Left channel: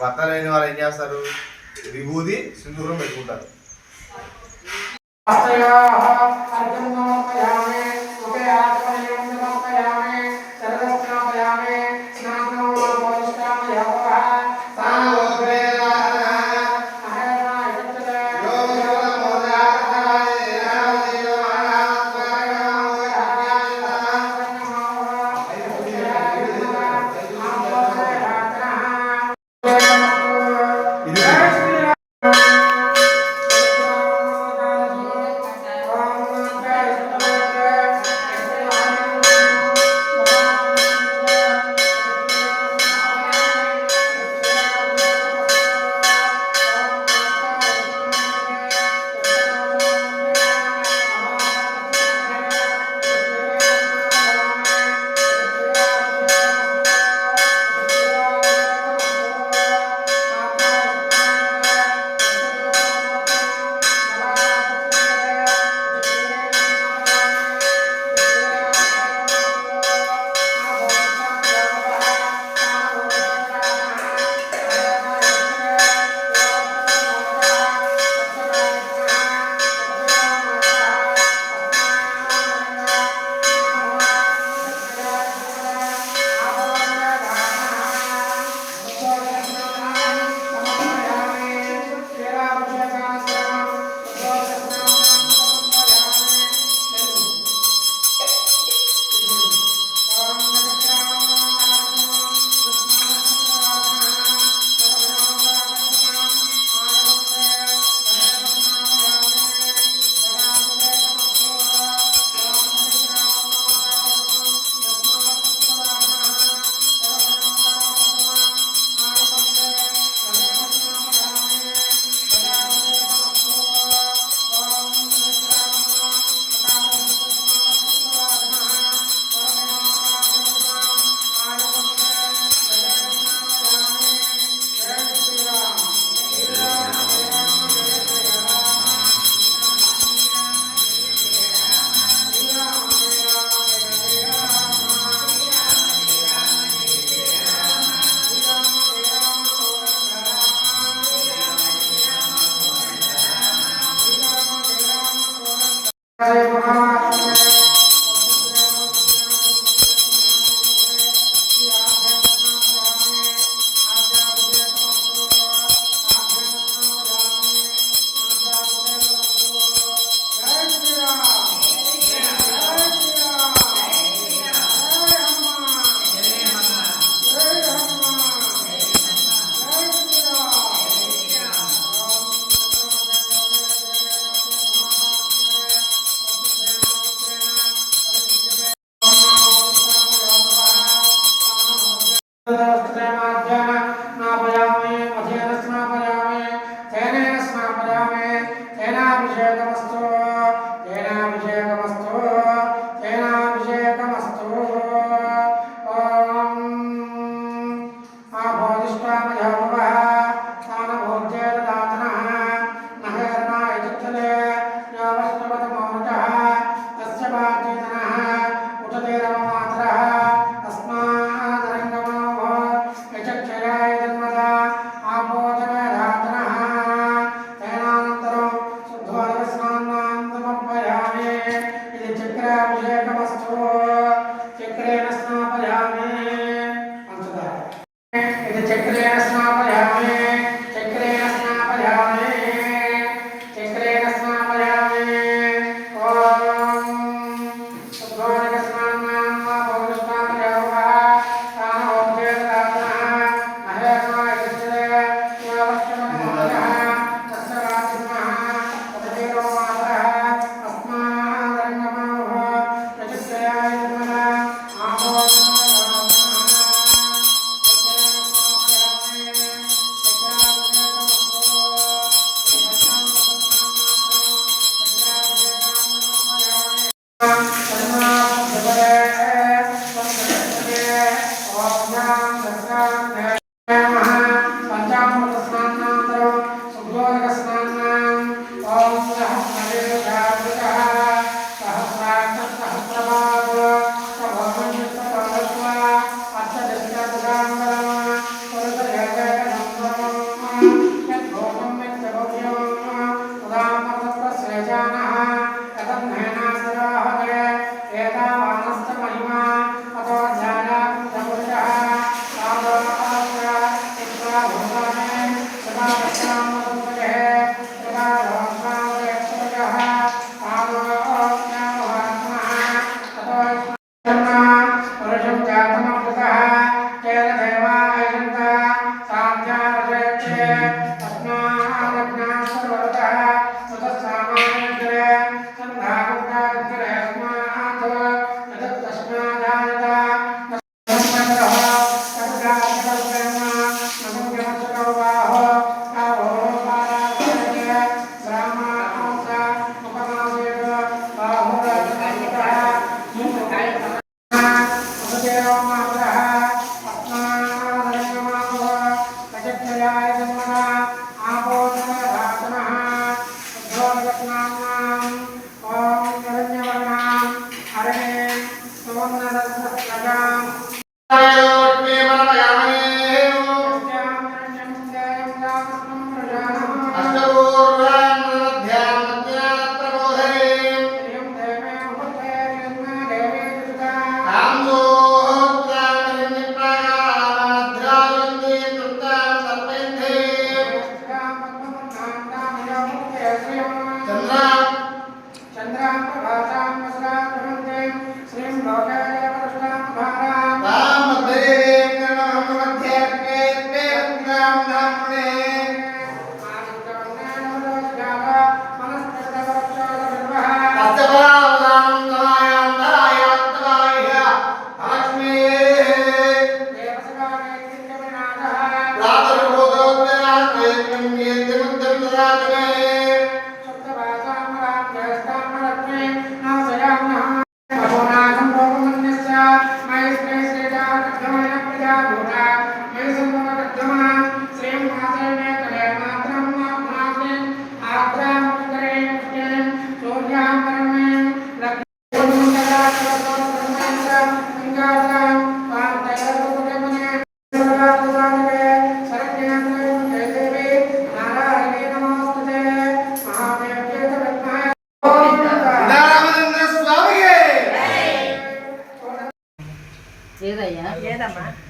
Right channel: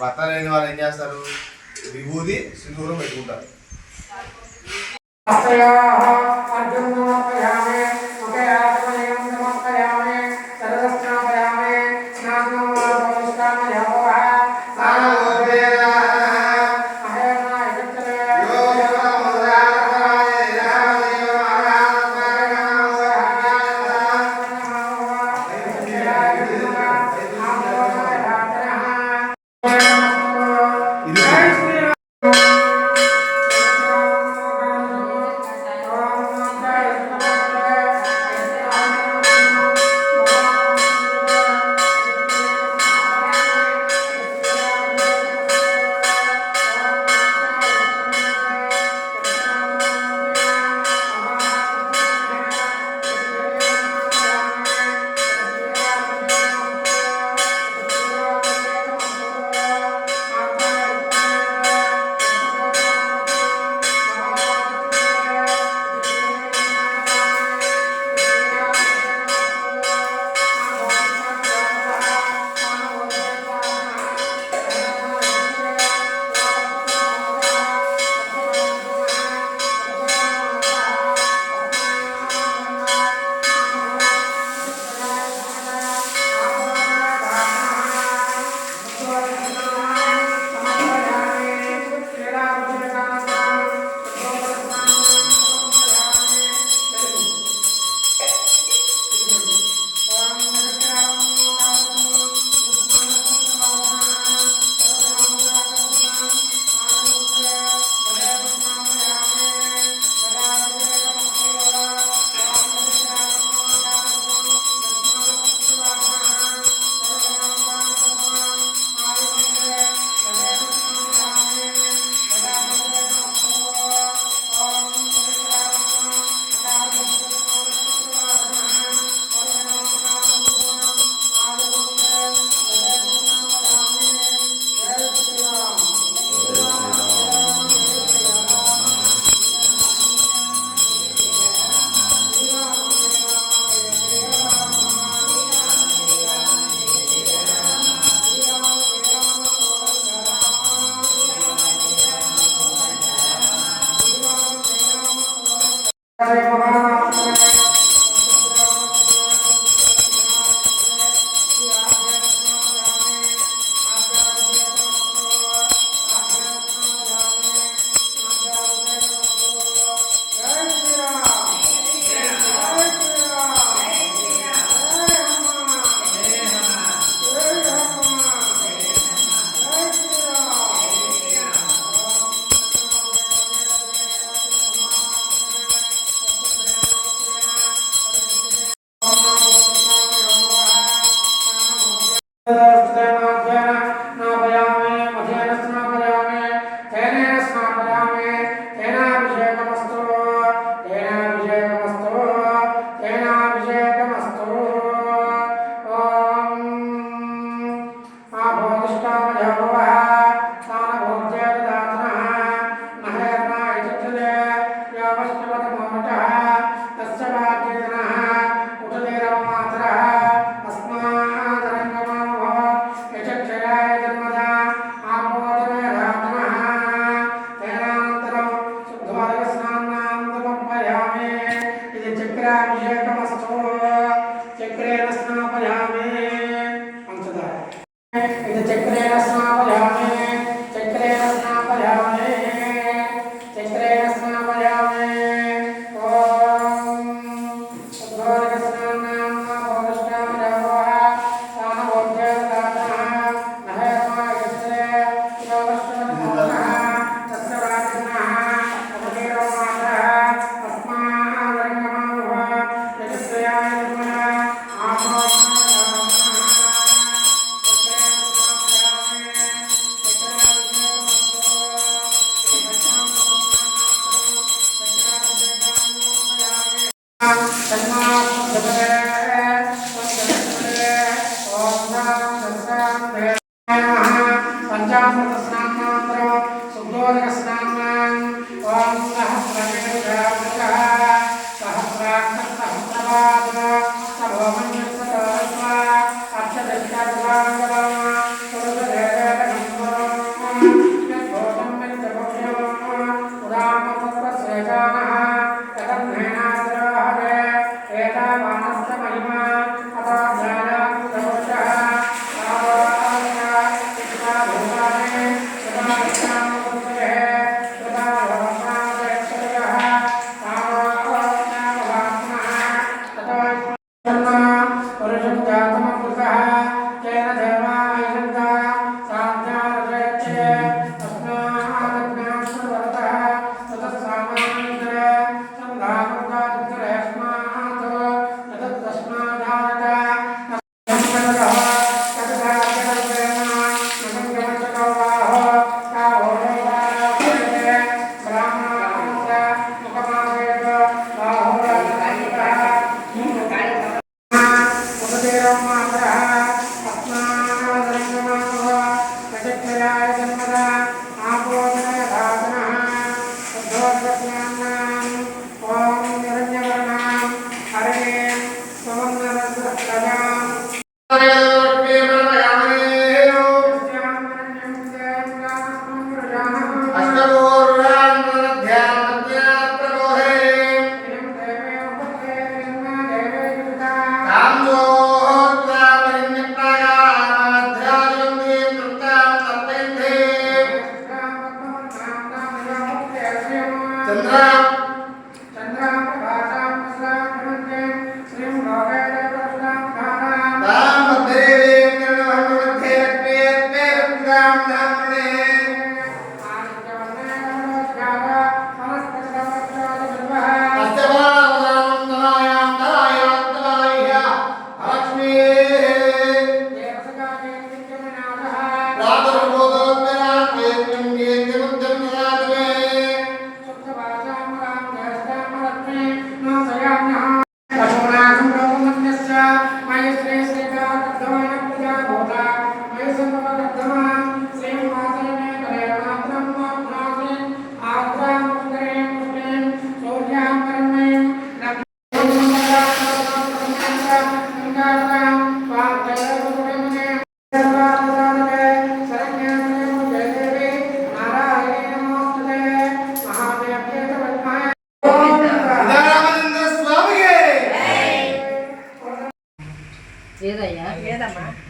భర్త లేని వాళ్ళు ఏం చేస్తారు? విభూది సింధూరం పెట్టుకుంటారు.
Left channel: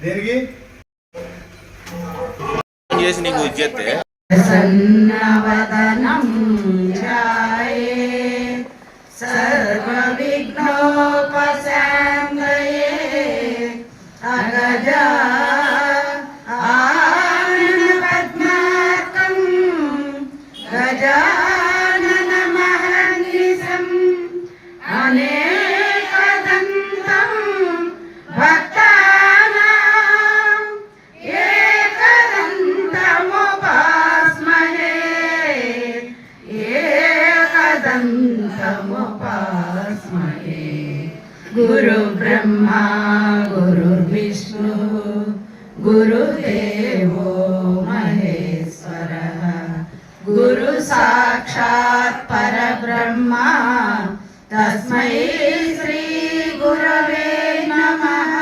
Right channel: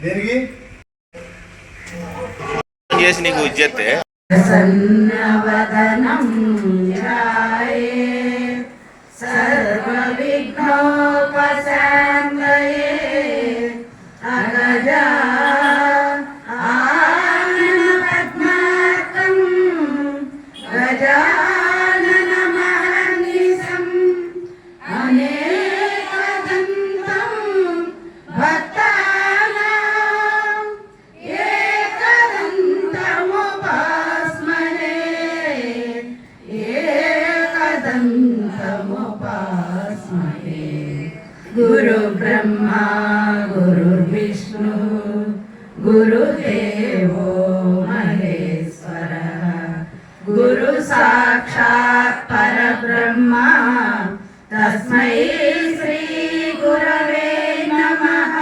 దేనికి చేసి నీకు ఇచ్చేస్తే ప్రసన్నవదనం ధ్యాయే సర్వ విఘ్నోపశాంతయే అగజా ఆనన పద్మార్కం గజానన మహర్నిశం అనేకదంతం భక్తానాం ఏకదంతముపాస్మహే ఏకదంతముపాస్మహే గురు బ్రహ్మా గురు విష్ణు గురుదేవో మహేశ్వరః గురు సాక్షాత్ పరబ్రహ్మ తస్మై శ్రీ గురవే నమః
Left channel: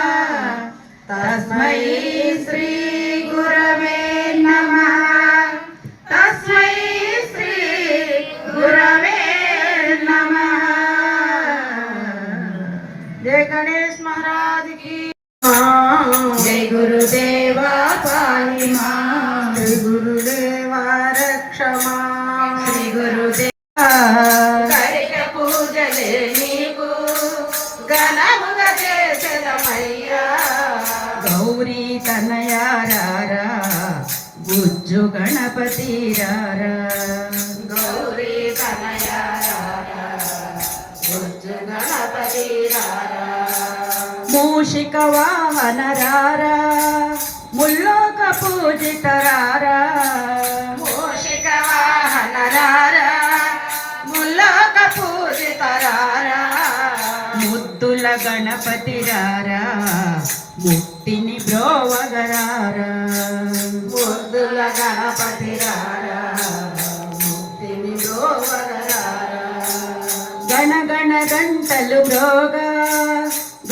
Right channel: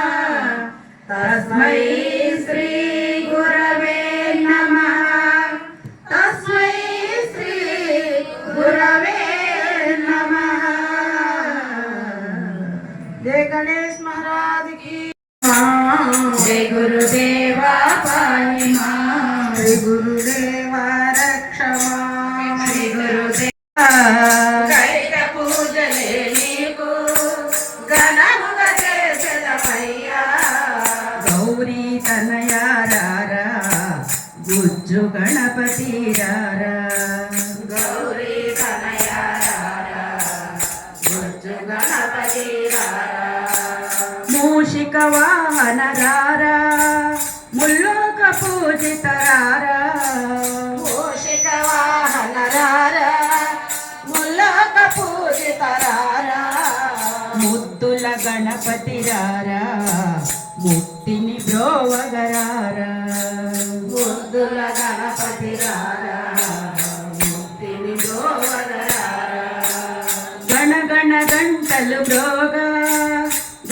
తస్మై శ్రీ గురవే నమః తస్మై శ్రీ గురవే నమః జయ గణేష్ మహారాజ్ की जय गुरुदेवा पाहि मां जय गुरुदेवा रक्ष मां जय गुरुदेवा కైక పూజలే నీకు ఘనముగా చేసెదమయ్యా గౌరీ తనయారారా గుజ్జు గణపతి రారా గౌరీ తనయారారా గుజ్జు గణపతి రారా మూషిక వాహన రారా ముల్లోక పూజిత రారా మూషిక వాహన రారా ముల్లోక పూజిత రారా ముద్దుల గణపతి రారా ముక్తిని బ్రోవగరారా ముద్దుల గణపతి రారా ముక్తిని బ్రోవగరారా గణ గణ గంటలు బ్రోగా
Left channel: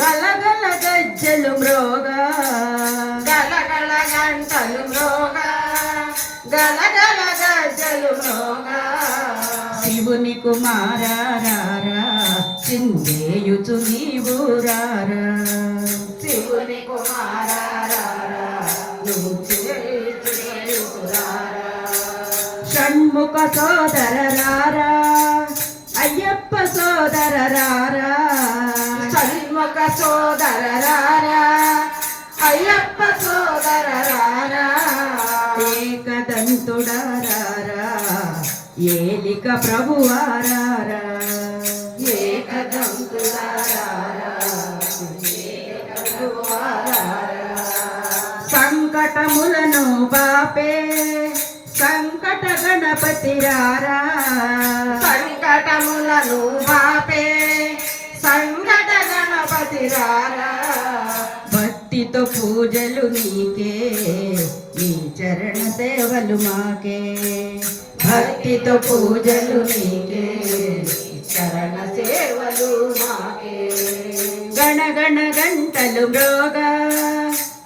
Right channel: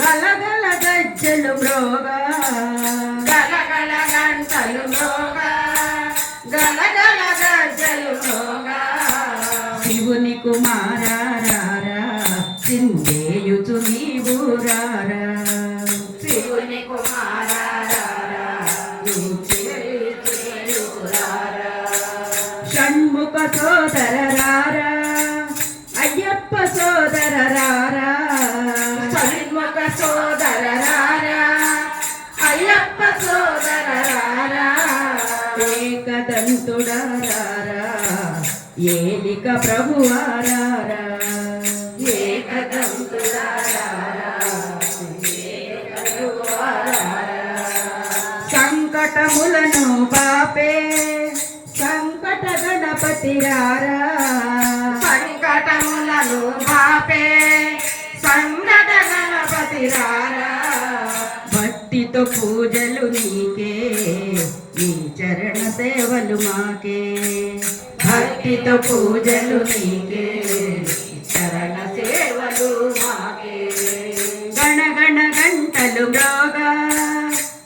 గలగల గజ్జలు బ్రోగా గలగల గంటలు బ్రోగా గలగల గజ్జలు బ్రోగా శివుని కుమారారా సిందేయుచు నీవు రారా శివుని కుమారారా షణ్ముఖ సోదర రారా అయ్యప్ప సోదర రారా షణ్ముఖ సోదర రారా అయ్యప్ప సోదర రారా ఏకదంతుడారారా ఏలిక ప్రభువారారా ఏకదంతుడారారా సంకటములను బాపే సంకట గణపతి రారా సంకటములను బాపే సంకట గణపతి రారా భక్తితో పూజలు నీకే నీ చరణ సేవలు మాకే భక్తితో పూజలు నీకే చరణ సేవలు మాకే గణ గణ గంటలు బ్రోగా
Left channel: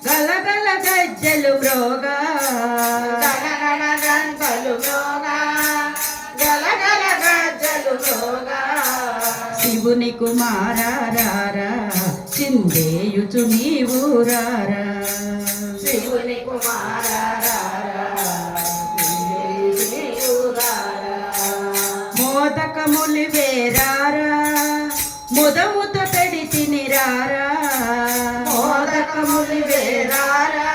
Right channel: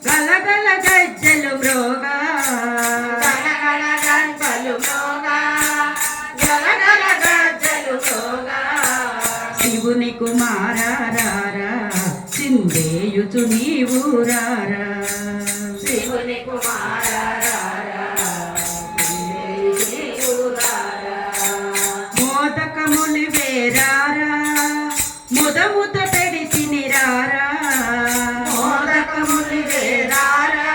గలగల గజ్జలు బ్రోగా గలగల గంటలు బ్రోగా గలగల గజ్జలు బ్రోగా శివుని కుమారారా చిందేయుచు నీవు రారా శివుని కుమారారా మోదకములి వేరారా ముదముత పెడితిని రారా మోదకములి వేరారా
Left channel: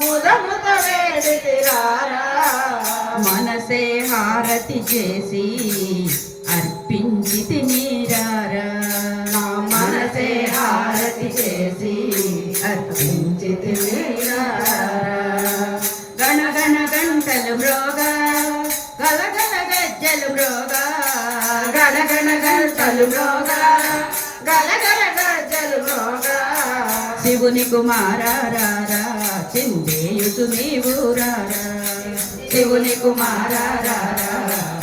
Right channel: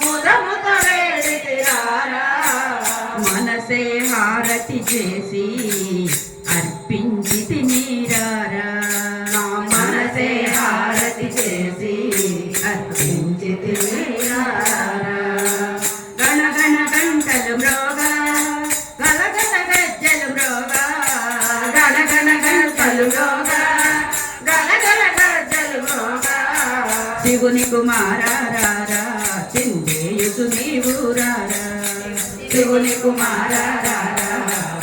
ముదముత వేడి హారతి చేసి అర్పించి తినిరారా నా మనసే హారతి చేసి అర్పించి తినిరారా గణ గణ గంటలు మ్రోగా గలగల గజ్జలు మ్రోగా గణ గణ గంటలు మ్రోగా గలగల గజ్జలు మ్రోగా శివుని కుమారారా చిందేయుతు నీవు రారా శివుని కుమారారా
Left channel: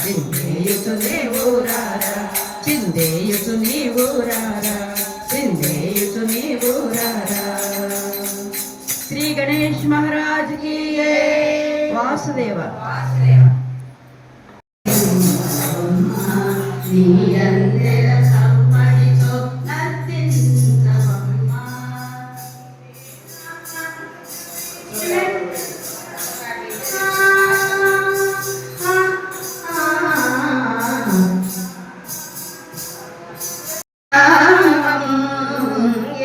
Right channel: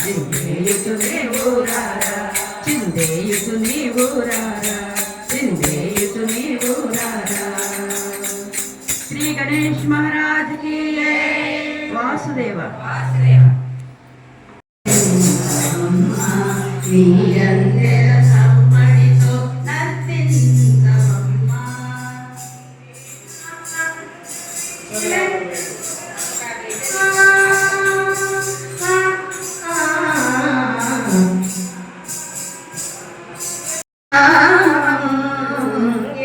చిందేయుతు నీవు రారా చిందేయుతు నీవు రారా చిందేయుతు నీవు రారా శ్రీ గణేష్ महाराज की वासुदेव నిరంతర సమ్మడితో నర్తించవమ్మా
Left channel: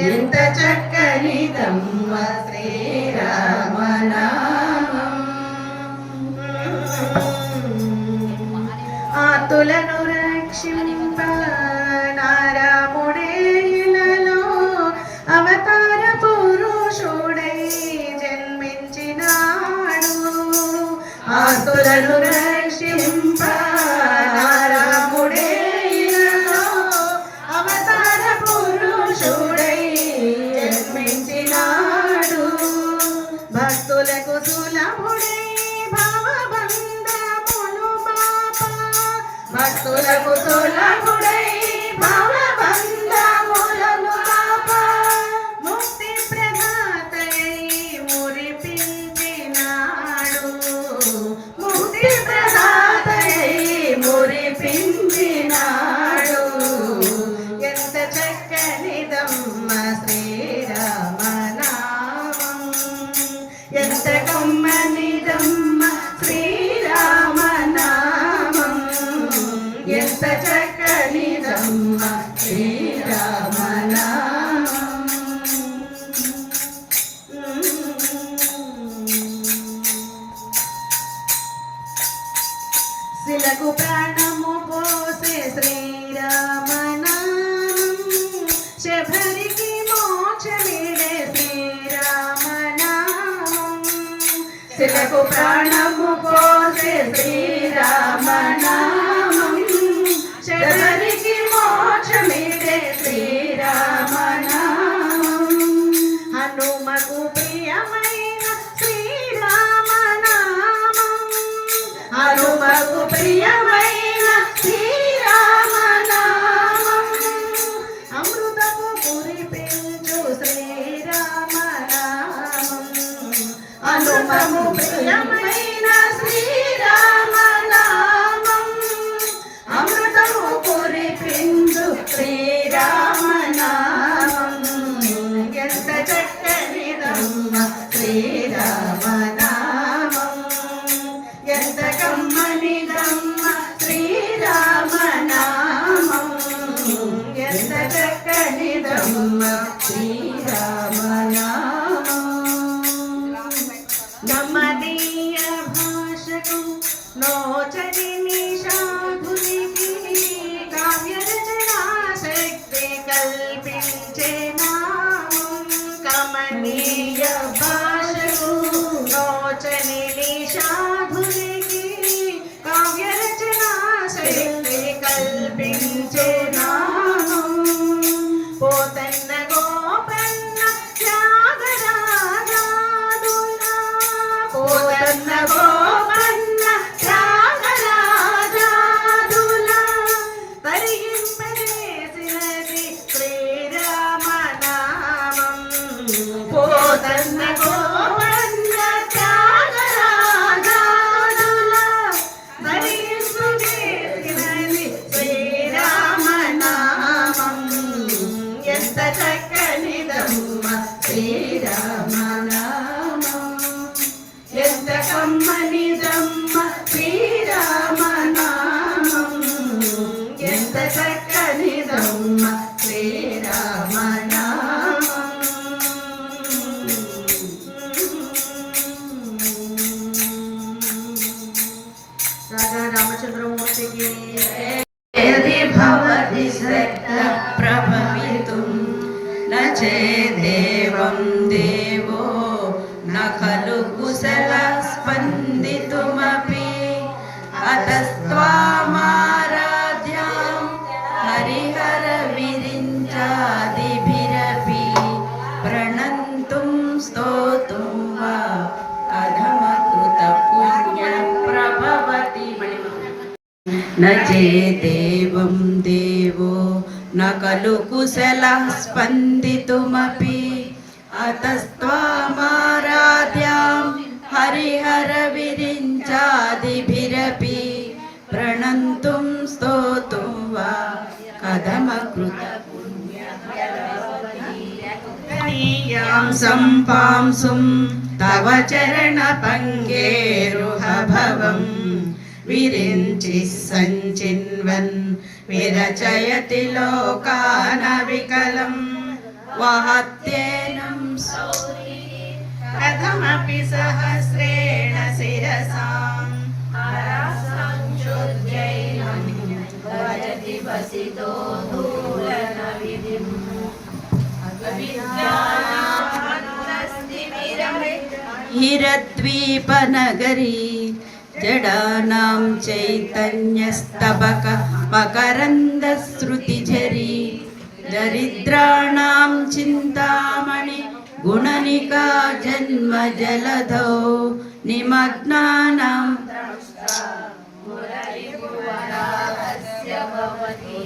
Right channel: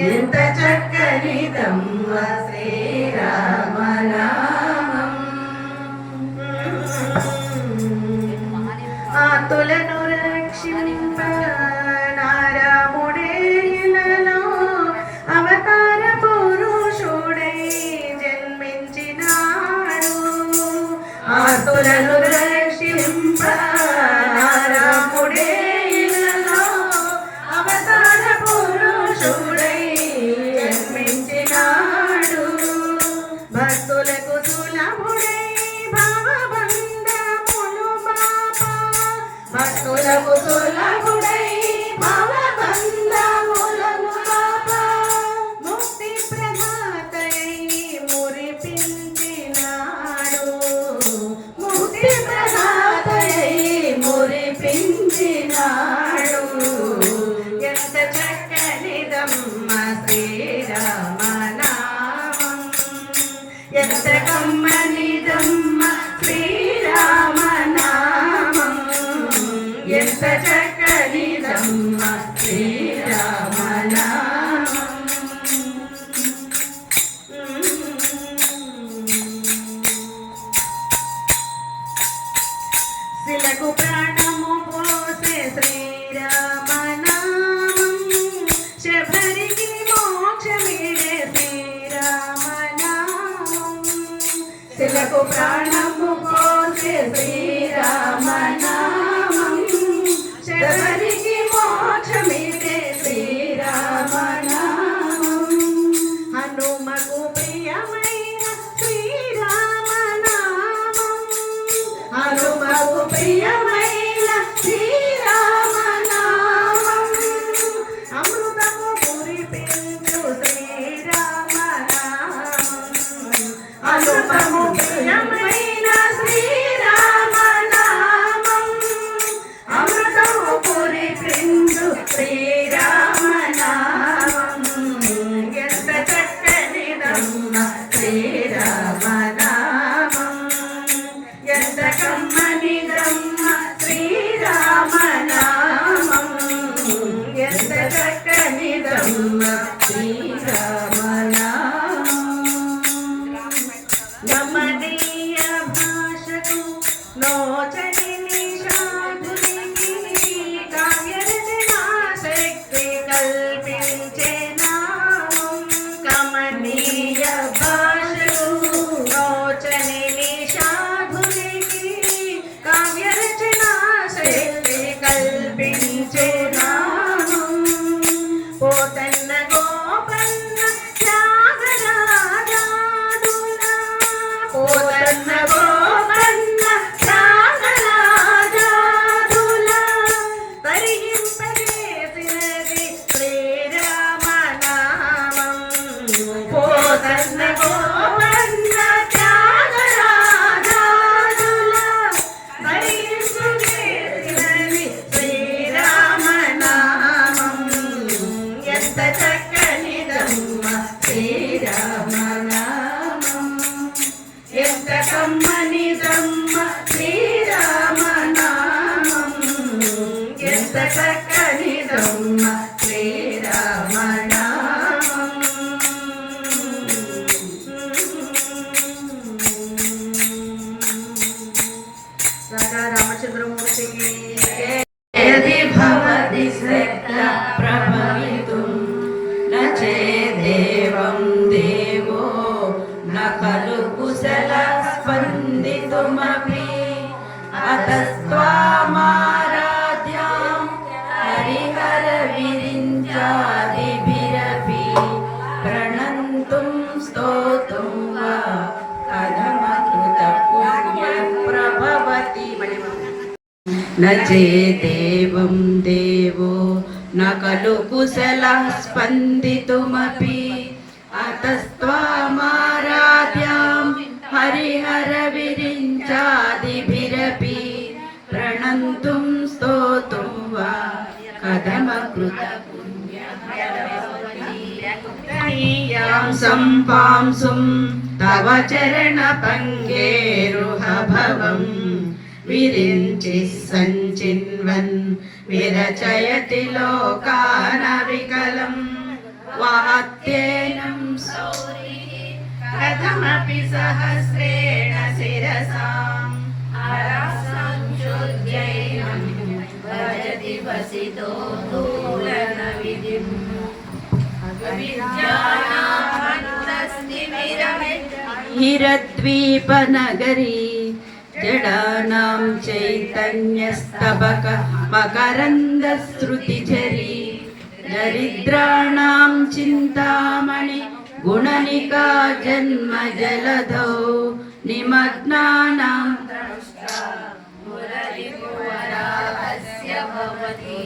ఎంత చక్కనిదమ్మ శ్రీరామనామం ఆతులను రక్షింప నారాముడే ఇలలో అవతార పురుషుడై జన్మించినాడు ఆతులను రక్షింప నారాముడే ఇలలో అవతార పురుషుడై జన్మించినాడు భక్తులకు సులభుడై భావబంధములు పాప భక్తులకు సులభుడై భావబంధములను పాప ముక్తి ప్రదాతై మురిపించినాడు ముక్తి ప్రదాతై మురిపించినాడు ఎంత చక్కనిదమ్మ శ్రీరామనామం ఎంత కమ్మనిదమ్మ శ్రీరామనామం ఎంత చక్కనిదమ్మ శ్రీరామనామం శిలకు ప్రాణము పోసే శ్రీరామనామం శబరికి మోక్షమిడే శ్రీరామనామం శిలకు ప్రాణము పోసే శ్రీరామనామం శబరికి మోక్షమిడే శ్రీరామనామం హనుమకు ప్రియమైన శ్రీరామనామం హనుమకు ప్రియమైన శ్రీరామనామం అమృతము కురిపించు శ్రీరామనామం హనుమకు ప్రియమైన శ్రీరామనామం అమృతము కురిపించు శ్రీరామనామం ఎంత చక్కనిదమ్మ శ్రీరామనామం ఎంత కమ్మనిదమ్మ శ్రీరామనామం ఎంత చక్కనిదమ్మ శ్రీరామనామం గమనీయ భాషకు నోచని నిషాధునికి కావ్యరచనా శక్తి కల్పించే నామం కమనీయ భాషకు నోచని నిషాధునికి కావ్యరచనా శక్తి కల్పించే నామం పోతన్న గోపన్న త్యాగరాజాదులా పోతన్న గోపన్న త్యాగరాజాదులా తరింపజేసినది శ్రీరామనామం పోతన్న గోపన్న త్యాగరాజాదులా తరింపజేసినది శ్రీరామనామం ఎంత చక్కనిదమ్మ శ్రీరామనామం ఎంత కమ్మనిదమ్మ శ్రీరామనామం ఎంత చక్కనిదమ్మ శ్రీరామనామం రాధా రామ न चेदेवं देवो न खलु कुशलः स्पन्दितुमपि अतस्त्वामाराध्यां हरिहरविरिञ्चादिभिरपि प्रणन्तुं स्तोतुं वा कथमकृतपुण्यं सम्पांसुं तव चरणपङ्गेरुहभवम् विरिञ्चिः सञ्चिन्वन् विरचयति लोकानविकलं वहत्येनं कथमपि सहस्रेण शिरसाम् संशुद्ध्यैनं भजति वसितो दूरनविधिम् हिरद्वीपनगरी जडानां चैतन्यस्तबक मकरन्दश्रुतिझरी दरिद्राणां चिन्तामणि गुणनिका जन्मजलधौ निमग्नानां मुररिपुवराहस्य भवति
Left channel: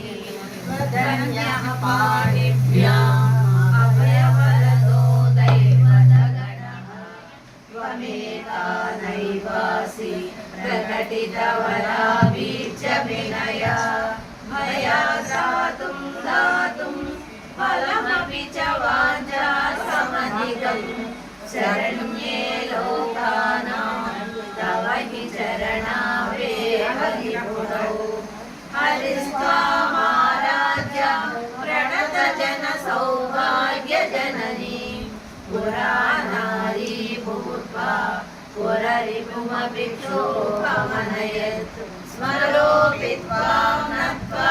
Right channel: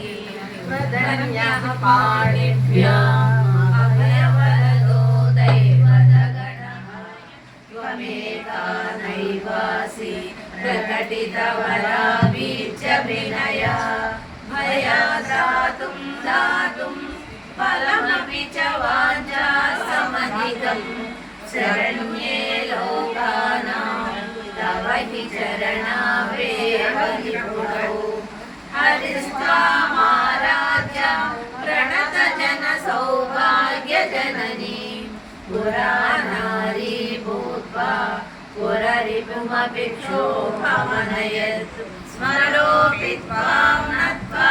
वदन्यः पाणिभ्याम् अभयवरदो दैवतगणः त्वमेका नैवासि प्रकटितवराबीजविनया मया दातुं फलमपि च वाञ्छा समधिगम् शरण्ये लोकानां तव हि चरणावेव निपुणौ हरिस्त्वामाराध्य प्रणतजनसौभाग्यजननी पुराणारी भूत्वा पुररिपुमपि क्षोभमनयत् स्मरोऽपि त्वां नत्वा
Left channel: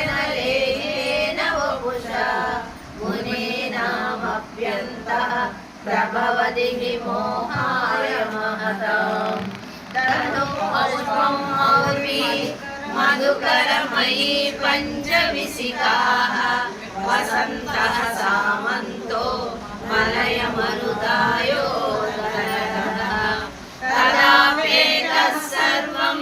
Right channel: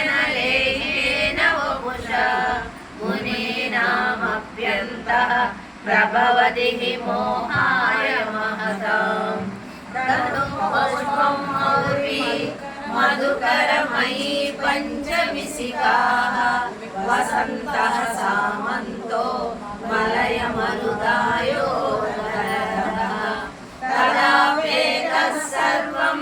रतिनयनलेहेन वपुषा मुनीनामप्यन्तः प्रभवति हि मोहाय महताम् तनु पुष्पम् और्वी मधुकरमयी पञ्चविशिखाः वसन्तः सामन्तो मलयमरुदायो कदाप्येतः सर्वं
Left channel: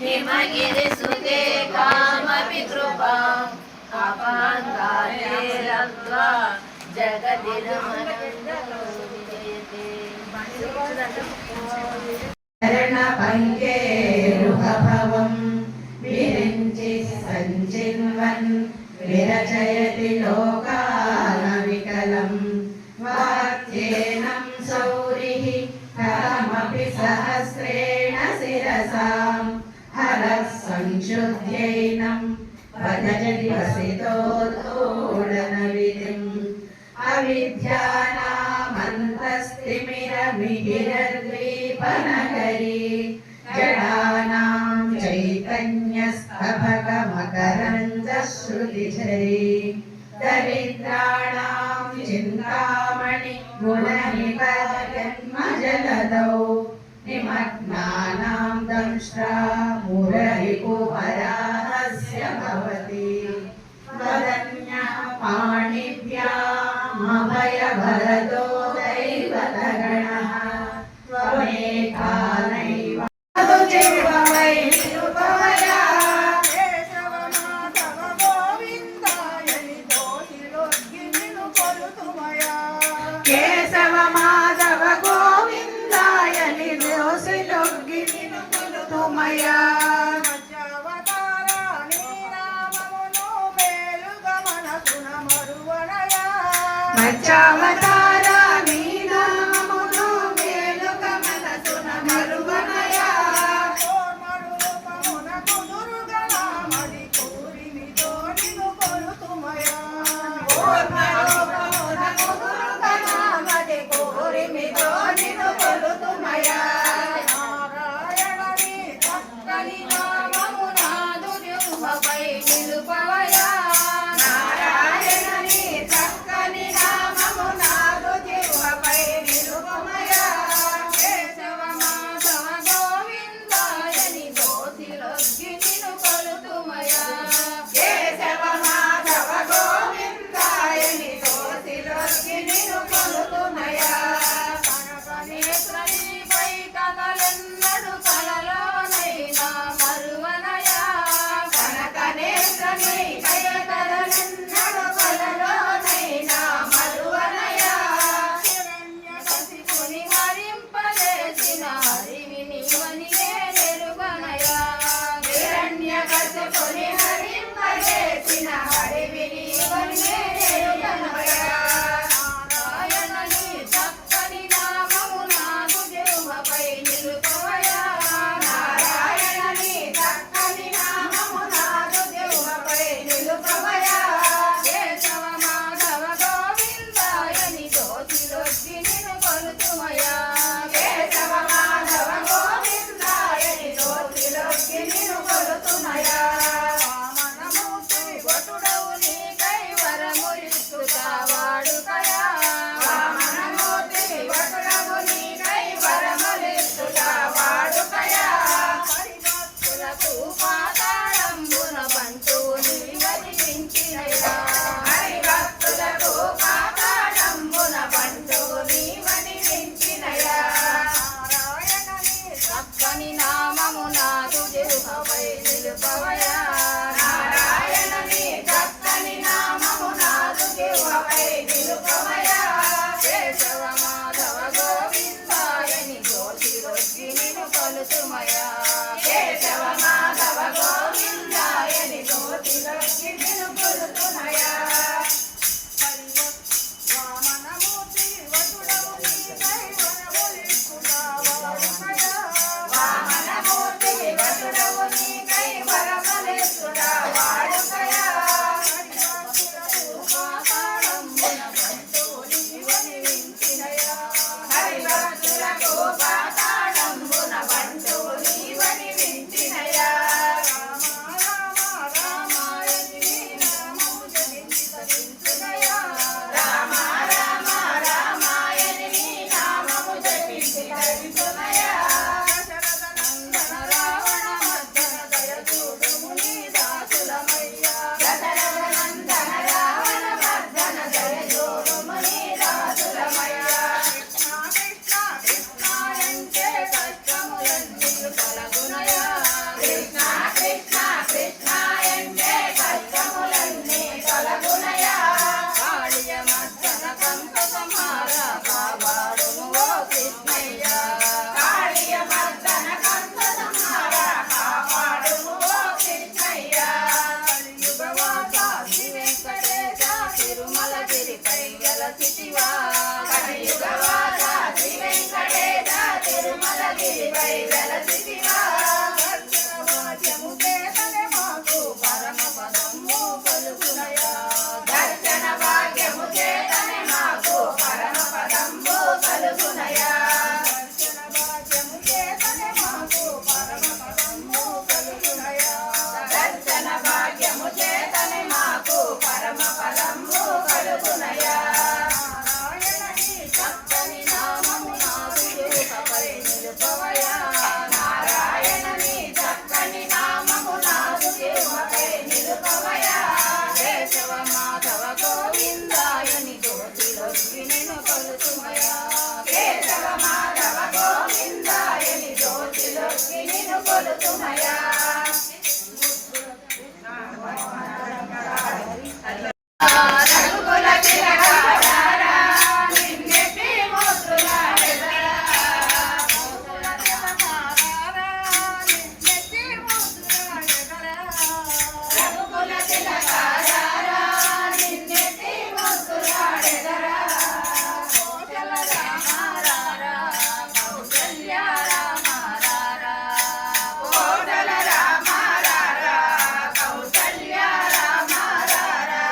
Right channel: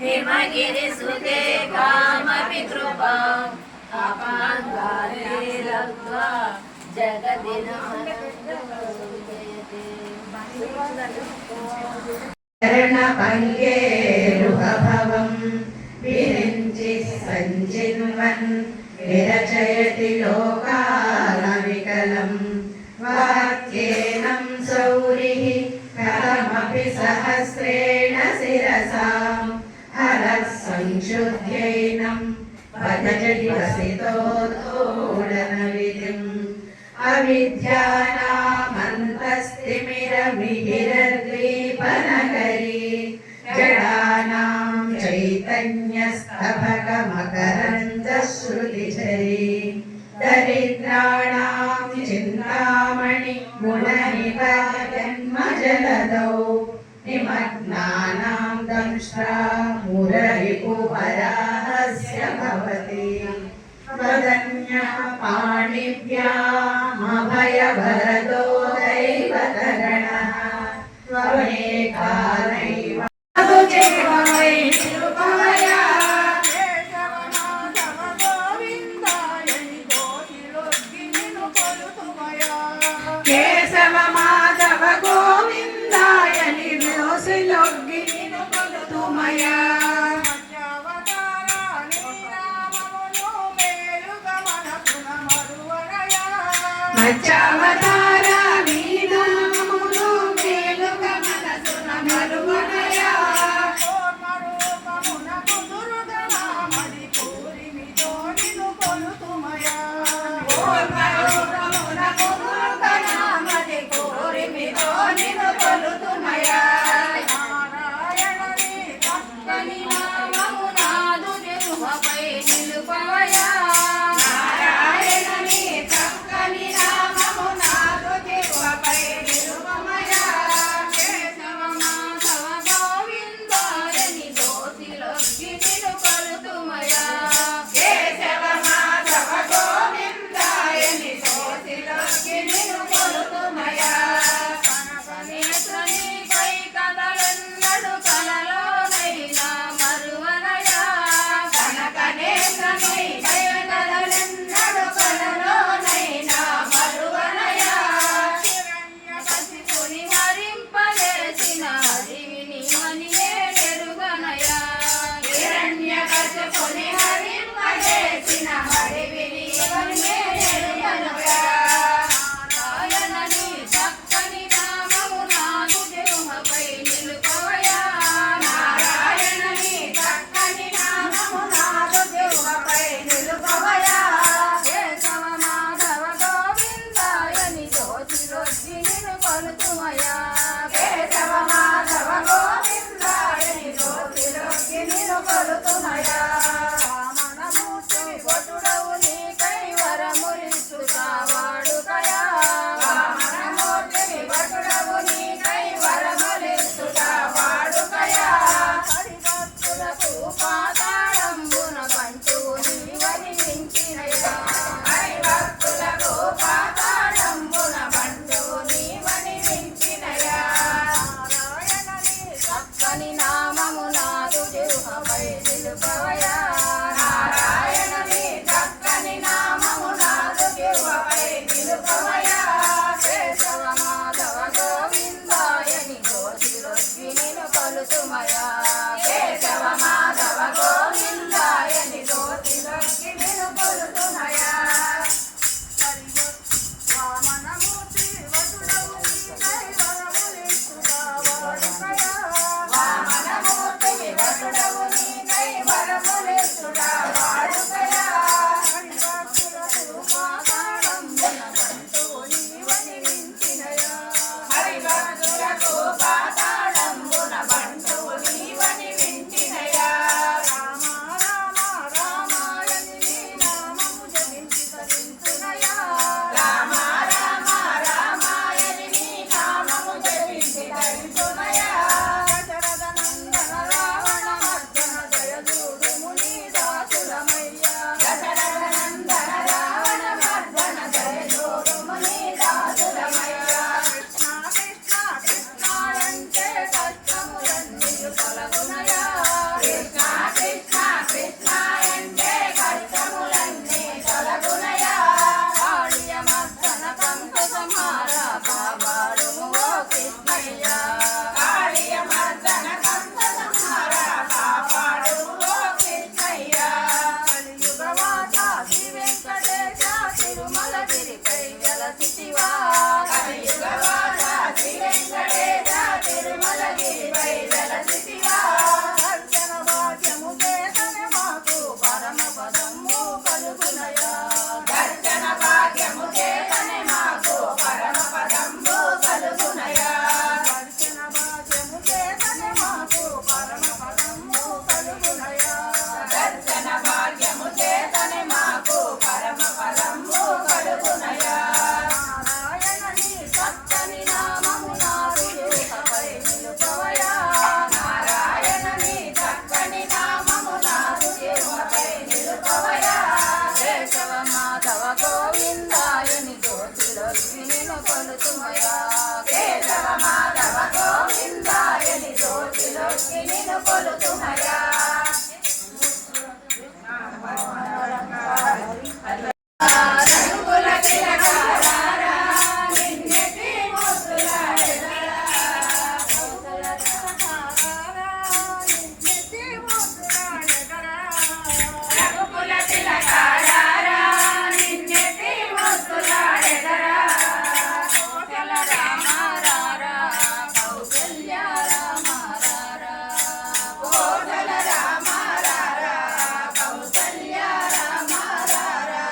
हिमगिरिसुते कामपि कृपाम् अपाङ्गाले लब्ध्वा जगति शरणपङ्गेरुहभवं विरिञ्चिः सञ्चिन्वन् विरचयति लोकानविकलं वाक्येनं सौरिः कथमपि सहस्रेण शिरसां हरः संशुद्ध्यैनं भजति वसितो धूढनविधिम् अविद्यानामन्तस्तिमिरमिहिरद्वीपनगरी जडानां चैतन्यस्तबकमकरन्दश्रुतिझरी दरिद्राणां चिन्तामणि गुणनिका जन्मजलधौ निमग्नानां दंष्ट्रा मुररिपुवराहस्य भवति वदन्यः पाणिभ्यामभयवरदो दैवतगणः त्वमेका नैव కేశవ మాధవ గోవిందాయ నిర్యోసిలొగ్గి నిన్ను కొలుతుమయా మధ్యావతారా నీ నామమును మేలుగా మనసున మరువనయా నారాయణని చక్కని నామము నాదు కొలుసుమయా కేశవ మాధవ గోవిందాయని జ్యోతిలోకి నిన్ను కొలుసుమయా వామనమూర్తి వసుడవు నీకై వరములిచ్చుగా వాడుకయా వామనమూర్తి వసుడవు నీకై వరములిచ్చుగా వాడుకయా హరిభక్తులకు పాతాళంబున బంటు నీవని వింటినయా రామ రామ రామాయని నీ నామము జపించి తరించునయా దశరథ నందన రావణ మర్దన దయచూడు ముని దాసులమయ్యా దశరథ నందన రావణ మర్దన దయచూడు ముని దాసులమయ్యా కృష్ణ కృష్ణ అంటే కష్టములన్నీ తొలగునయా కృష్ణ కృష్ణ కృష్ణ అంటే కష్టములన్నీ తొలగునయా కాళియ మర్దన కంస సంహార కాపాడుము ఓ కృష్ణయ్యా కాళియ మర్దన కంస సంహార కాపాడుము ఓ కృష్ణయ్యా కలియుగ వాస శ్రీ వెంకటేశ తిరుమలగిరిపై వెలసితివా కలియుగ వాస శ్రీ వెంకటేశ తిరుమలగిరిపై వెలసితివా దర్శన భాగ్యము చేతనే మాకు పరమ పదము కలుగునయా దర్శన భాగ్యము చేతనే మాకు పరమ పదము కలుగునయా దర్శన భాగ్యము చేతనే మాకు పరమ పదము కలుగునయా దర్శన భాగ్యము చేతనే మాకు పరమ పదము కలుగునయా నారాయణ నీ చక్కని నామము నాదుపై నిలుపవయా నారాయణ నీ చక్కని నామము నాదుపై నిలుపవయా కేశవ మాధవ గోవిందాయని జ్యోతిలోకి నిన్ను కొలుసుమయా కేశవ మాధవ గోవిందాయని జ్యోతిలోకి నిన్ను కొలుసుమయా రంగుల తిలకారా నిన్నెట్టి ముద్దులాడెదరా రంగుల తిలకారా నిన్నెట్టి ముద్దులాడెదరా రంగుల తిలకారా నిన్నెట్టి ముద్దులాడెదరా కోటల రామారారా కౌసల్య రామారారా కోటల రామారారా కౌసల్య రామారారా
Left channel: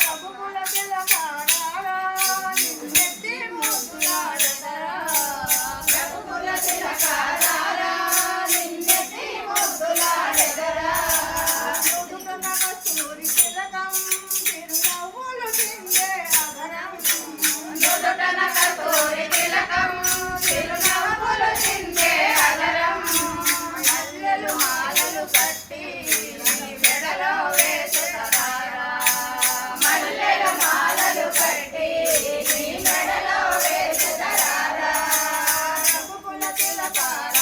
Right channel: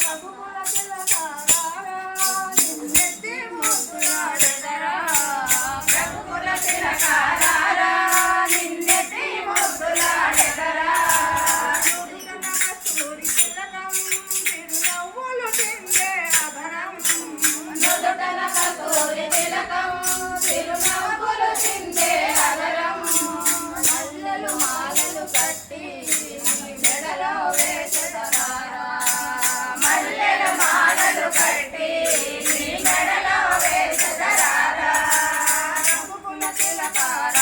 రఘుకుల తిలకారా నిన్నెట్టి ముద్దులాడెదరా రఘుకుల తిలకారా నిన్నెట్టి ముద్దులాడెదరా నుదుటన కస్తూరి తిలకం చిరునవ్వులు చిందే అధరం నుదుటన కస్తూరి తిలకం చిరునవ్వులు చిందే అధరం మల్లెలు మాలలు కట్టి నీ మెడలో వేసెదరారా మల్లెల మాలలు కట్టి నీ మెడలో వేసెదరారా రఘుకుల తిలకారా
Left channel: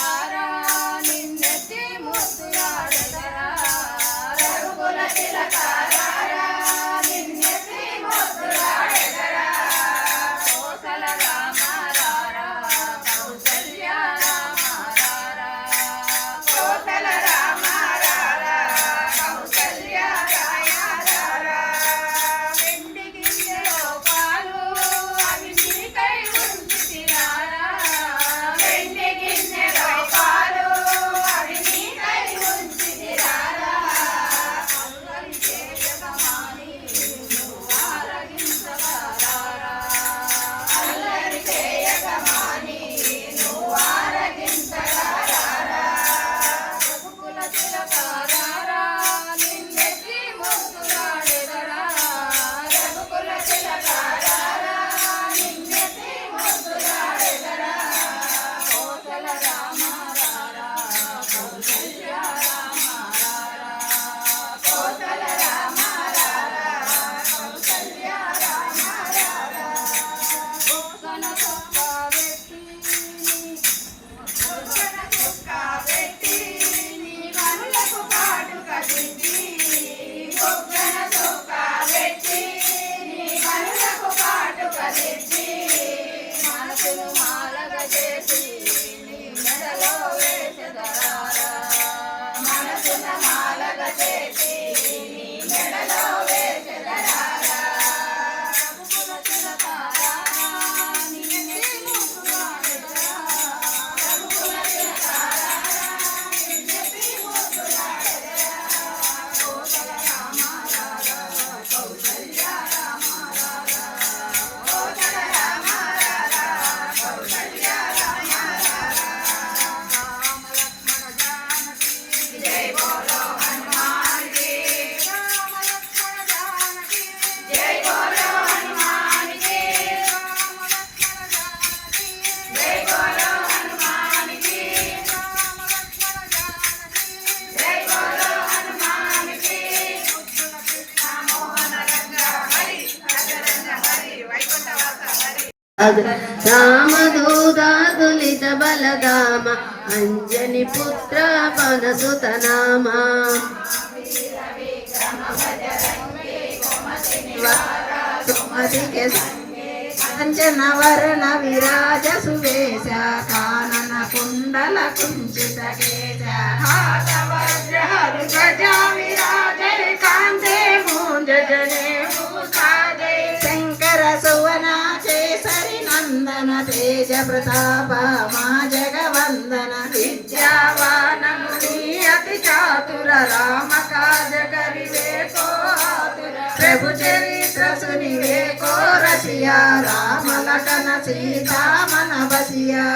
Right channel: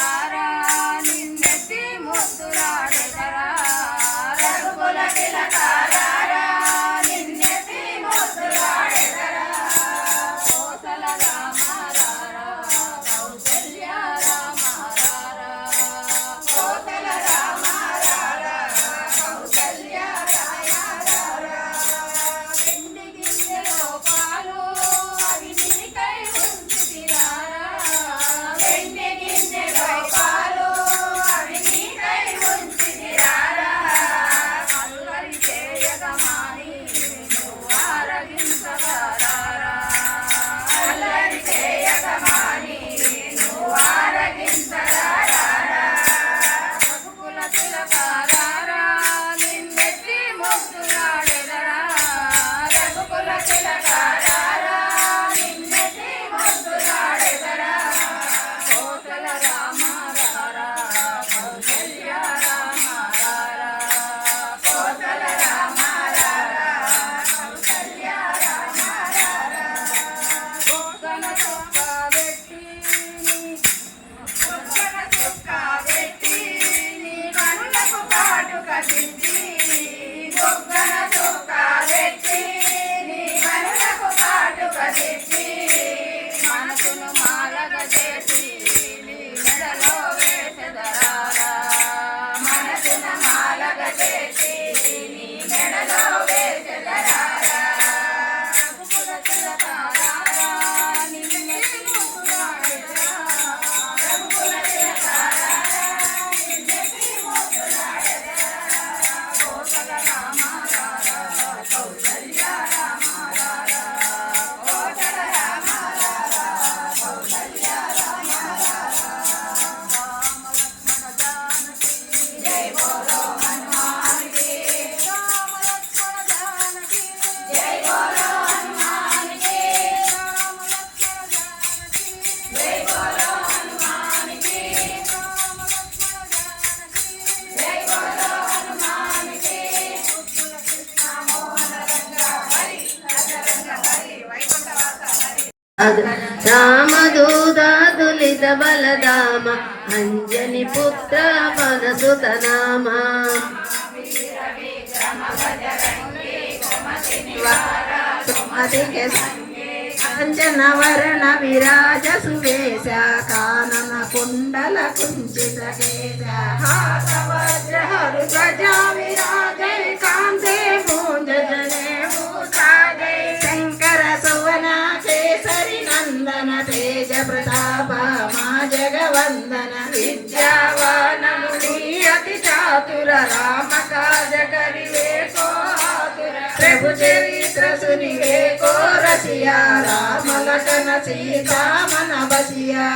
రామదూతాతులిత బలదామ అంజని పుత్ర పనసుత నామ కాంచన వర్ణ విరాజ సువేశ కానన కుండల కుంచిత కేశ కాంతే మూంజ జనే మూసాదే శంకర సువన కేసరి నందన తేజ ప్రతాప మా జగవందన విద్యావాన ముని అతి చాతుర రామ కాజ కరివే ప్రభు చరిత్ర సునివే కో రసియా రామ లఖన సీతా మన బసియా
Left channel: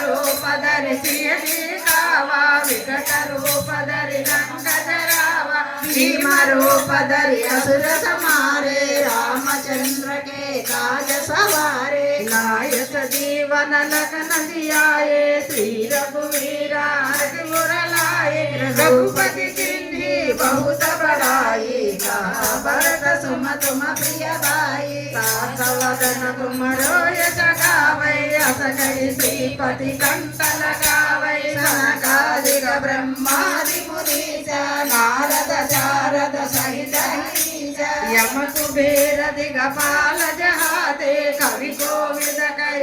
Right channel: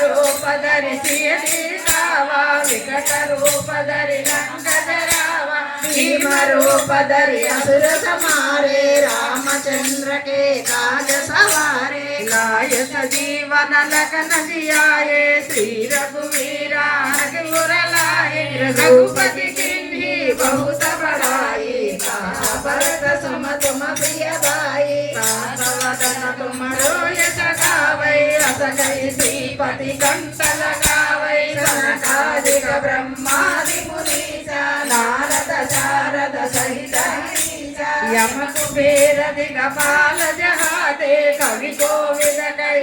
రూప ధరిసియ సీతావా వికట రూప ధరి రంగజరావా భీమ రూప ధరి అసుర సమారే రామచంద్ర के काज सवारे लाय सजीवन लखन जियाए श्री रघुवीरा हजूर लाए रघुपति किन्ही बहुत बड़ाई भरत सुमत प्रिय भाई वदन तुम रोय सखावै अस कहि श्रीपति कंठ लगावै सनकादिक ब्रह्मादि मुनीसा नारद शारद सहित यम कुबेर दिगपाल जहाते कवि कोविद कै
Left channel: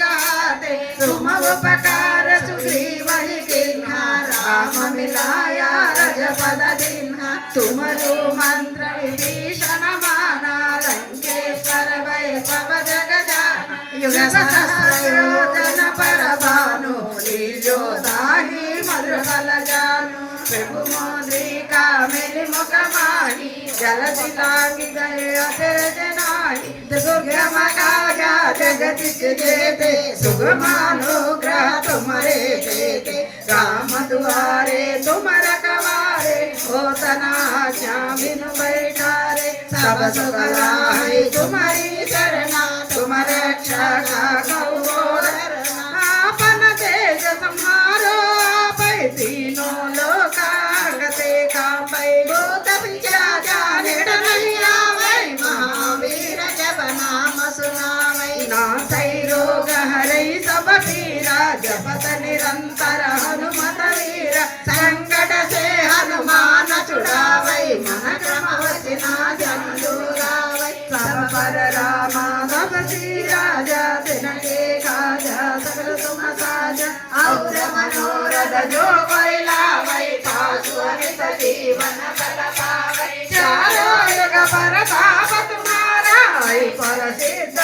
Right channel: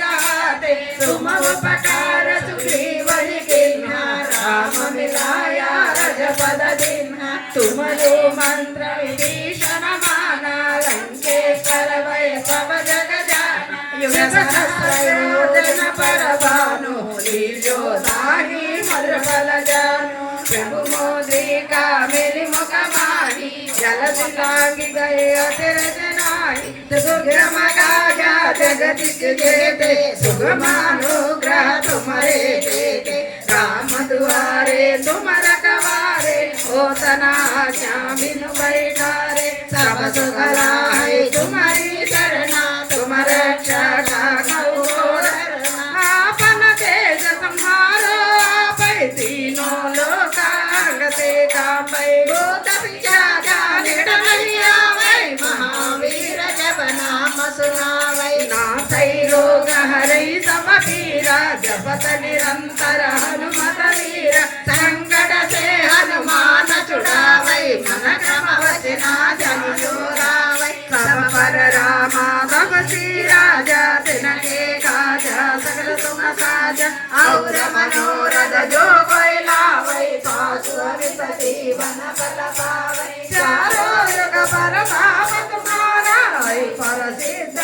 कहाते तुम उपकार सुग्रीव ही किन्हा राम मिलाया रजपद दिन्हा तुमरो मंत्र विभीषण माना लंकेश्वर वै सब जग जाना युग सहस्र योजन पर भानु लीजो दाही मधुर फल जानु प्रभु मोद्रिका मेरी मुख माही जलधि लांघि गए अचरज नाहि सुगम काजा जगदीश जेते सुगमानुग्रह तुम्हारे देते राम दुआरे तुम रखवारे होतना बिनु बैठारे सब सुख लाए तुम्हारी शरणा तुम रक्षक आपन तेज तुम्हारो आपै तीनों लोकागते कापै भूत पिशाच निकट नहीं आवै महावीर जब नाम सुनावै नाथै रोग हरै सब पीरा जपत निरंतर हनुमत वीर संकट से हनुमान छुड़ावै मन क्रम वचना जन जोरावै सब पर रामा तब राजा तिनके काजा सकल तुम साजा और मनोरथ जो कोई लावै पासु अमित जीवन बल पावै चारों युग परताप तुम्हारा है पर सिद्ध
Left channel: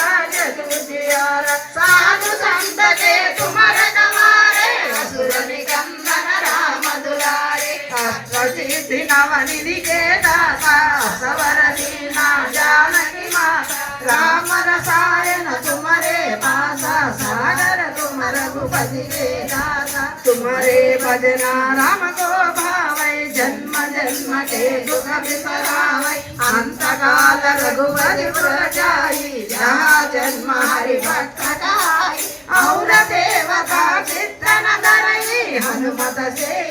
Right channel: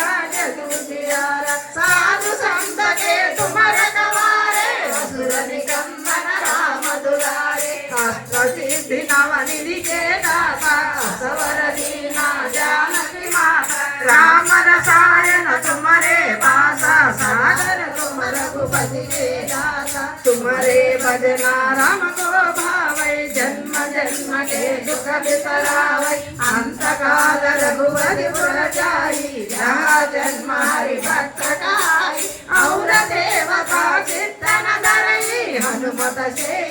तुझियारा साधु संत के तुम रखवारे असुर निकंदन राम दुलारे अष्ट सिद्धि नव निधि के दाता सवर दीना जानकी माता राम रसायन तुम्हारे पासा सागर तुम रघुपति के दाता तुम्हारे भजना राम को भावै जन्म जन्म के दुख बिसरावै अंत काल रघुपति पुर जाई जहाँ जन्म हरि भक्त काई और देवता चित्तन धरई हनुमत से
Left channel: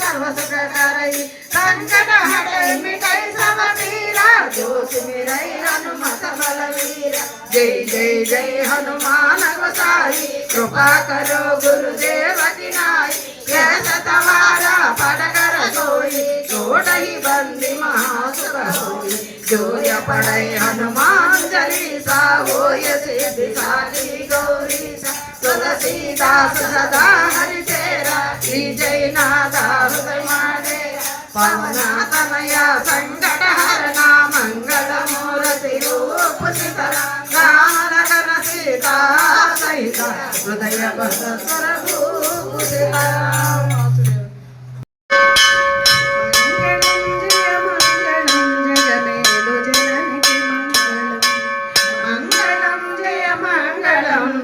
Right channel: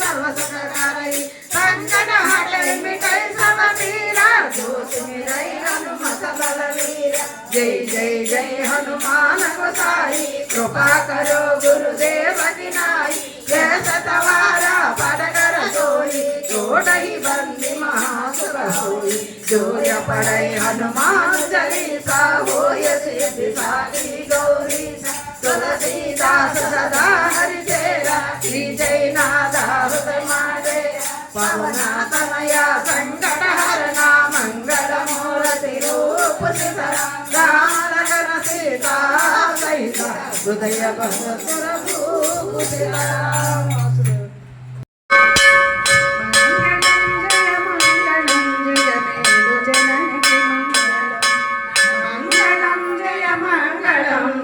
सर्व सुख करई संकट हटे मिटै सब पीरा जो सुमिरै हनुमत बलवीरा जय जय जय हनुमान गोसाई कृपा करो गुरुदेव की नाई यह सतवारा पद कर सोई छोड़हि बंदी महासुख होई जो य पढ़ै हनुमान चालीसा होय सिद्धि साखी गौरीसा तुलसीदास सदा हरि तेरा श्री जय नाथ हृदय महादेव पवना तनया संकट हरना मंगल मूर्ति रूप सीताराम राम लखन सीता सहित हृदय बसकर भूप सीताराम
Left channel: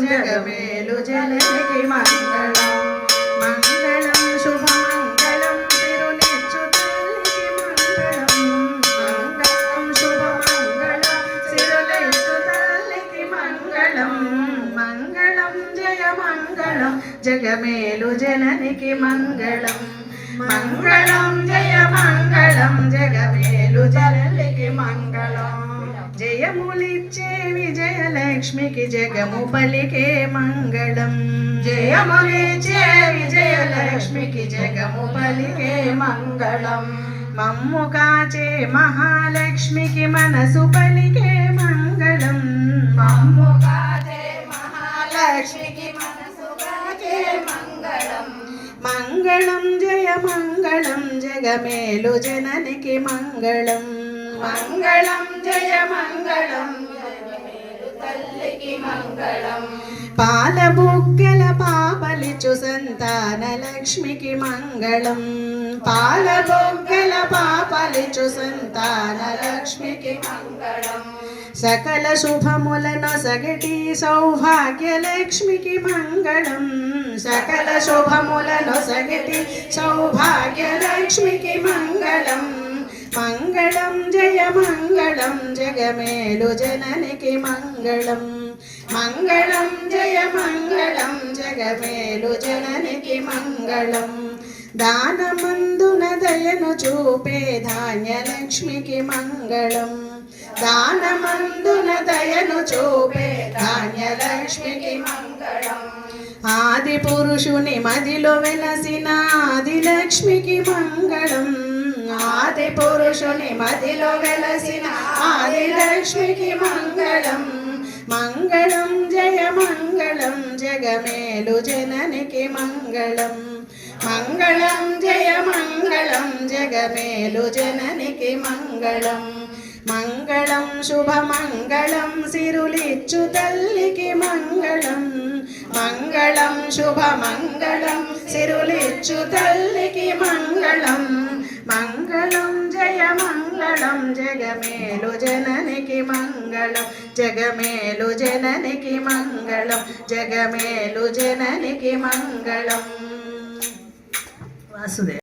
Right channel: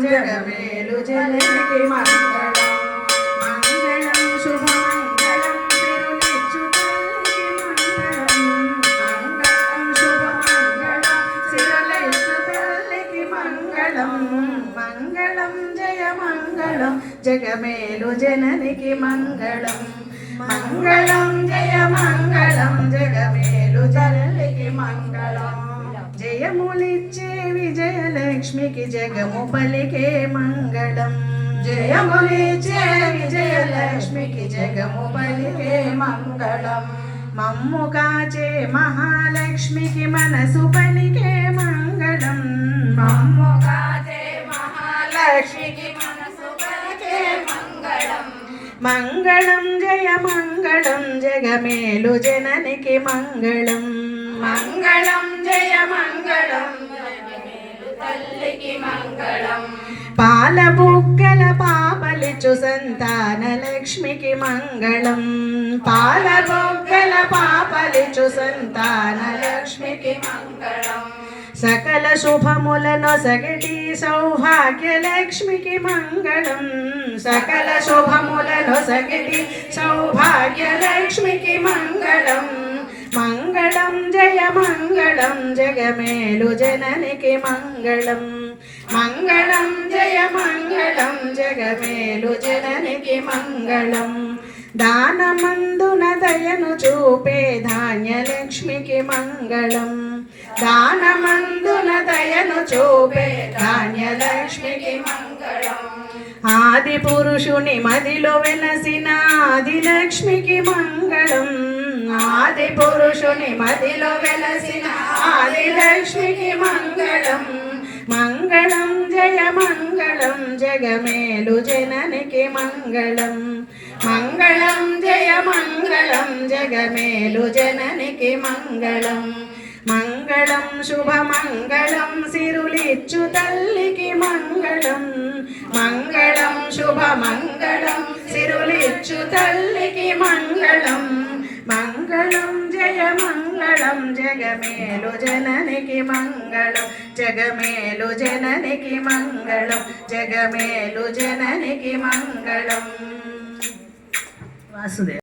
जगमेलु जनकी मंगलम मंगलम शुभमंगलम सिरुनिच्युतल्लि मंगलम शुभमंगलम सिरुनिच्युतल्लि मंगलम मंगलम जय मंगलम जगमेलु जनकी मंगलम मंगलम जय मंगलम जगमेलु जनकी मंगलम జయములిచ్చే విజయలక్ష్మికి జగము పలికే మంగళం. జయములిచ్చే విజయలక్ష్మికి జగము పలికే మంగళం. మమ్ము కాచే మహాలక్ష్మికి మనసు పలికే మంగళం. మమ్ము కాచే మహాలక్ష్మికి మనసు పలికే మంగళం. మంగళం జయ మంగళం జగమేలు జననికి మంగళం. మంగళం జయ మంగళం జగమేలు తల్లికి మంగళం. పాల బుగ్గల పాపలిచు సంతాన లక్ష్మికి మంగళం. పాల బుగ్గల పాపలిచు సంతాన లక్ష్మికి మంగళం. సకల శుభములను సగటి సౌభాగ్య లక్ష్మికి మంగళం. సకల శుభములను సగటి సౌభాగ్య లక్ష్మికి మంగళం. మంగళం జయ మంగళం జగమేలు జననికి మంగళం. మంగళం జయ మంగళం జగమేలు జననికి మంగళం. దానమందున దయను చూపే ధాన్యలక్ష్మికి మంగళం. దానమందున దయను చూపే ధాన్యలక్ష్మికి మంగళం. ఆది పురుషుని మదిలో వెలసిన ఆదిలక్ష్మికి మంగళం. ఆది పురుషుని మదిలో వెలసిన ఆదిలక్ష్మికి మంగళం. మంగళం జయ మంగళం జగమేలు జననికి మంగళం. మంగళం జయ మంగళం జగమేలు జననికి మంగళం. మంగళం శుభమంగళం సిరులిచ్చు తల్లికి మంగళం. మంగళం శుభమంగళం సిరులిచ్చు తల్లికి మంగళం. మంగళం జయ మంగళం జగమేలు జననికి మంగళం. జగమేలు జననికి మంగళం. జగమేలు జననికి మంగళం. వాసుదేవ.